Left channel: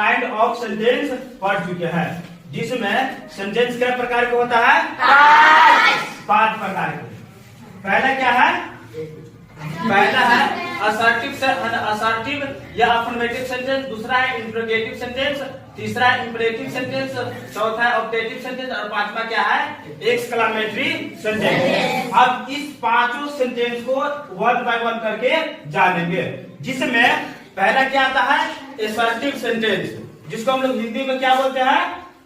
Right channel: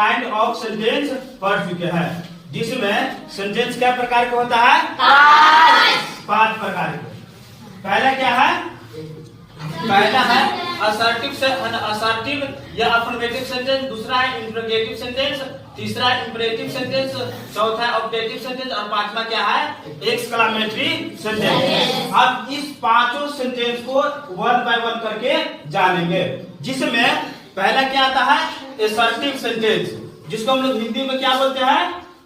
Kind of sentence पढ़ चुके हैं, जिसमें सेंटेंस क्या प्रकार का होता है? पांच प्रकार के। पहला क्या है? पहला है असर्टिव या अफर्मेटिव सेंटेंस, दूसरा है इंटरोगेटिव सेंटेंस, तीसरा है इंपरेटिव सेंटेंस, चौथा है ऑब्जेक्टिव सेंटेंस और पांचवा क्या है? Exclamatory sentence. अब इस पांचों सेंटेंस को वन बाय वन करके जानेंगे, जिसमें पहला क्या आता है? असर्टिव सेंटेंस, जिसको हम लोग हिंदी में क्या बोलते हैं?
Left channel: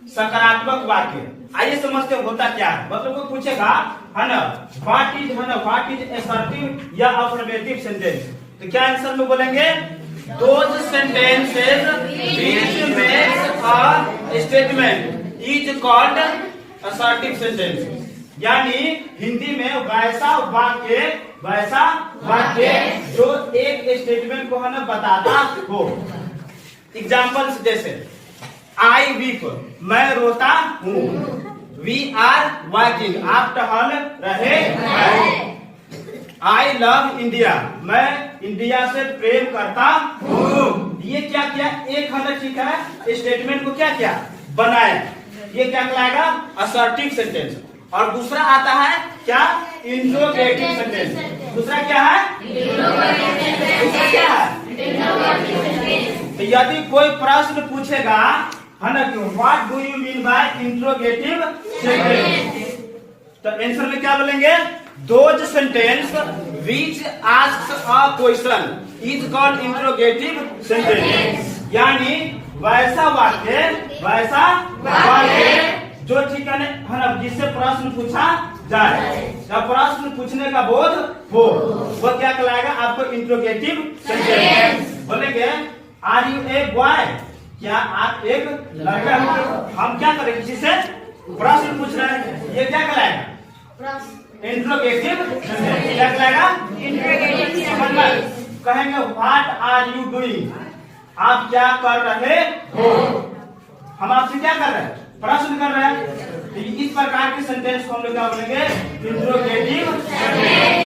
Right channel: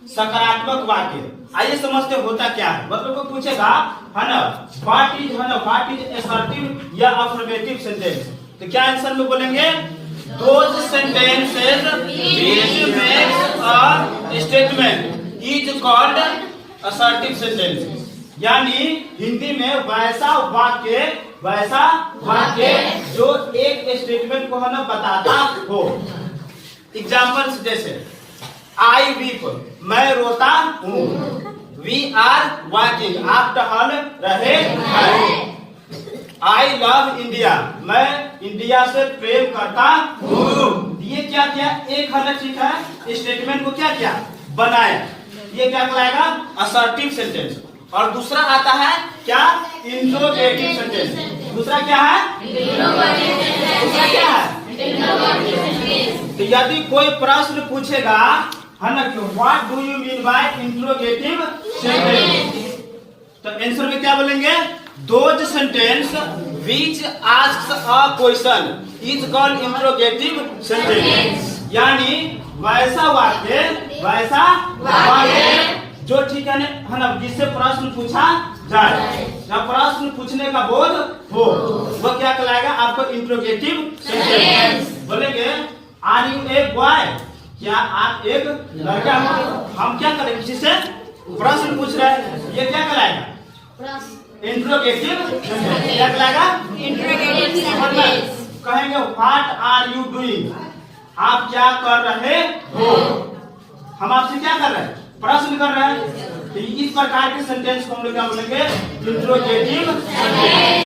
सकारात्मक वाक्य। आइए समझते होता क्या है। मतलब कोई पूछेगा है ना, व्हाट इज असर्टिव या अफर्मेटिव सेंटेंस, तो क्या आंसर में बोलेंगे? Those sentences which makes a statement is called assertive sentence. यानी हिंदी में वैसा वाक्य जो एक स्टेटमेंट को है ना बताता हो। एग्जाम्पल्स जैसे आई वीप, मैं रोता हूँ। वी आर वॉकिंग, आप टहल रहे हैं। आई लव इंडिया, मैं इंडिया से प्रेम करता हूँ। ये क्या किया? एक हल ठीक है, स्टेटमेंट को क्या किया? बनाया। ये क्या कहलाएगा? Assertive sentence. और दूसरा आता है क्या? Interrogative sentence. दूसरा क्या है? दूसरा क्या है? तो यदि कोई प्रश्न पूछेगा है ना, what do you mean by interrogative sentence, तो आंसर में क्या बोलेंगे? Those sentence which asks a question is called interrogative sentence. यानी वैसा वाक्य जो ठीक है ना, जिससे प्रश्न पूछा जाए, जब प्रश्न पूछने का बोध हो, वो क्या कहलाएगा? आपको इंट्रोगेटिव सेंटेंस। बोलेंगे आर यू ए बॉय, क्या आप एक लड़का हो? हम क्या करेंगे? जिससे प्रश्न पूछ रहे हैं, ये क्या कहलाएगा? Interrogative sentence. क्या कहलाएगा? Interrogative sentence. कहेंगे व्हाट आर यू डूइंग, आप क्या कर रहे हो? हम आपसे क्या कर रहे हैं? प्रश्न कर रहे हैं। तो इस प्रकार के सेंटेंस को हम लोग क्या बोलेंगे? Interrogative sentence.